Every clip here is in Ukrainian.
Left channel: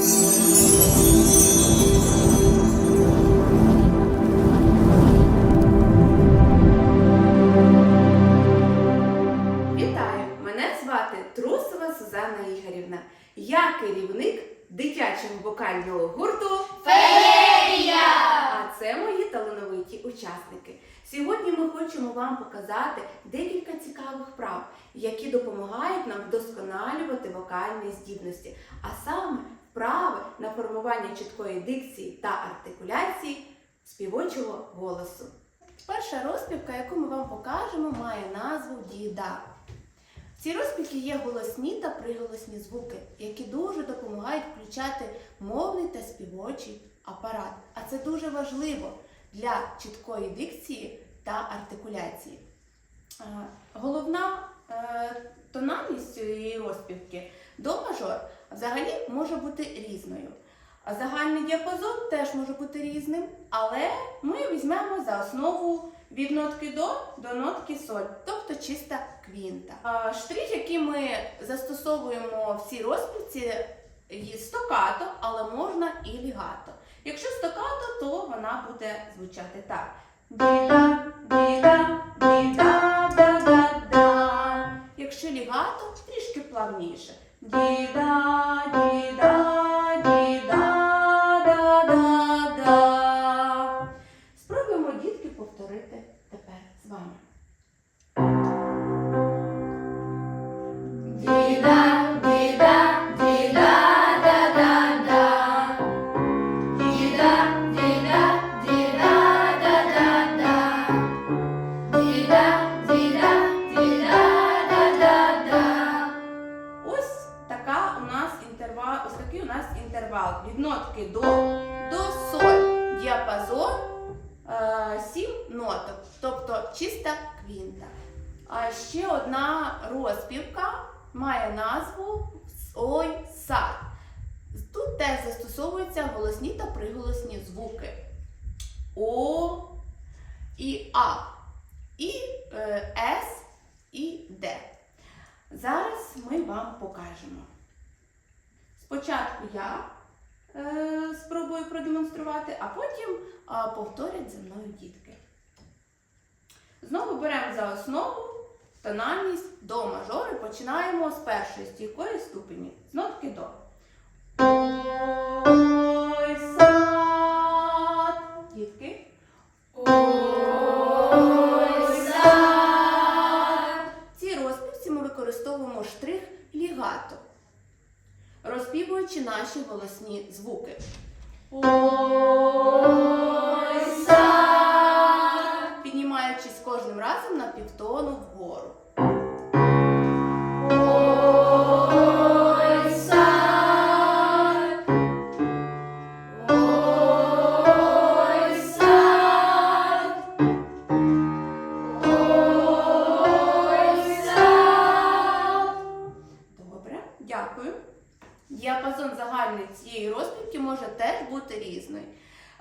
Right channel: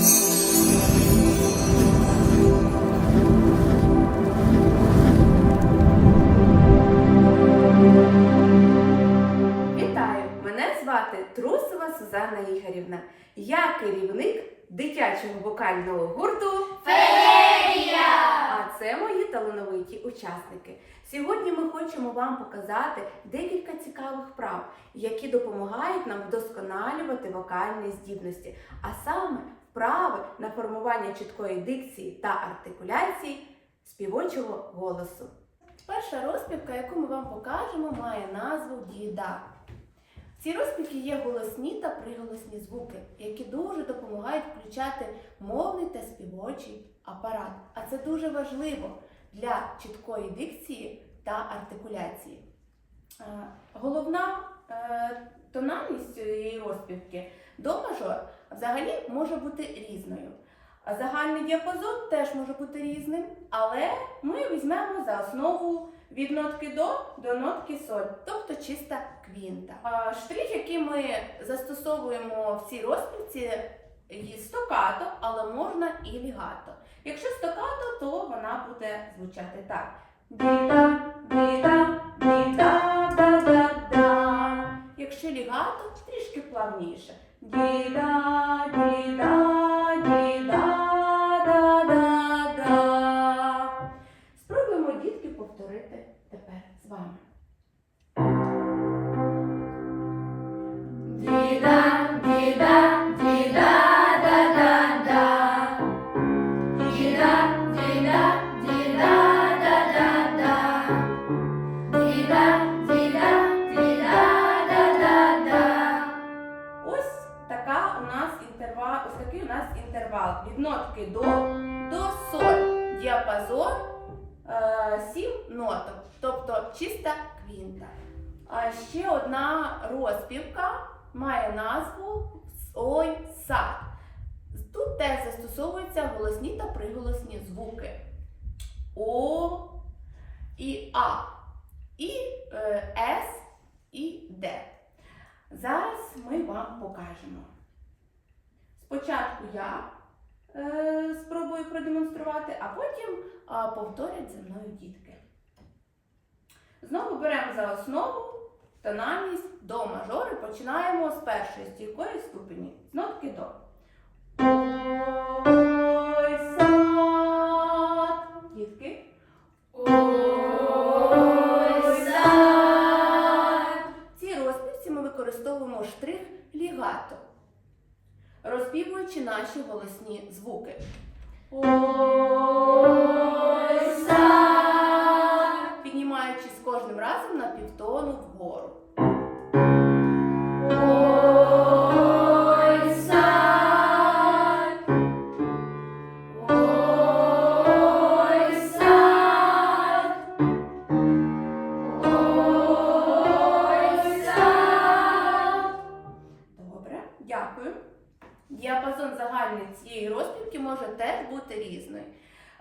Вітаю! Мене звати Трусова Сузанна Ігорівна. Я керівник дитячого вокального гурту Феєрія! А це мої талановиті учасники. Сьогодні ми хочемо вам показати декілька цікавих вправ, які допомагають нам вдосконалювати вокальні здібності, а саме вправи на формування чіткої дикції та артикуляції співочого голосу. Перша розпівка, яку ми вам покажемо, має назву діда. В цій розпівці є голосні та приголосні звуки, які дуже допомагають включати мовний та співочий апарат. А це дуже важливо для чіткої дикції та артикуляції. Е, Головна е, тональність цієї розпівки до мажор взагалі може бути різною. Загальний діапазон теж може бути різним, але ми візьмемо за основу від нотки до до нотки соль, тобто чиста квінта. Штрих, який ми застосовуємо в цій розпівці, є стокато, але можна і лігато. Якщо стокато, то вона буде звучати так. Ді-да, ді-да, ді-да, да-да-да. Якщо лігато, трішки плавніше. Ді-да, ді-да, інтервал від нотки до до соль. Діапазон е, сім ноток, тобто чиста квінта. А ще одна розпівка має назву Ой сад. Тут теж застосовуються голосні та приголосні звуки О і А, і е, С і Д. Зараз ми вам покажемо. Спочатку я спробую продемонструвати, а потім повторять за мною дітки. Знову беремо за основу тональність до мажори. Починаємо з першої стійкої ступені, з нотки до. Ой, сад. Дітки. В розпівці ми використовуємо штрих лігато, розпівуючи наші голосні звуки. Ой. Піднімаючись кожним разом на півтону вгору. Дякую. Діапазон загальний цієї розпівки може теж бути різний.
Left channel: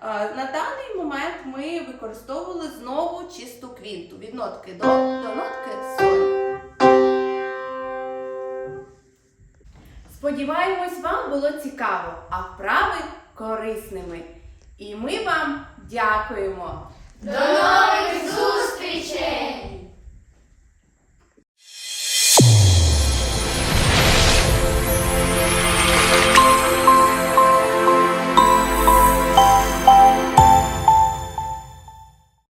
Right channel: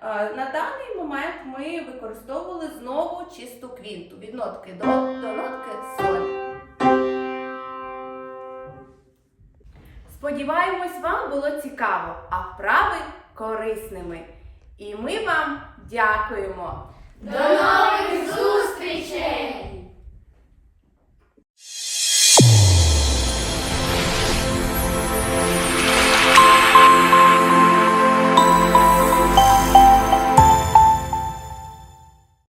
Е, На даний момент ми використовували знову чисту квінту від нотки до, до нотки соль. Сподіваємось, вам було цікаво, а вправи корисними. І ми вам дякуємо. До!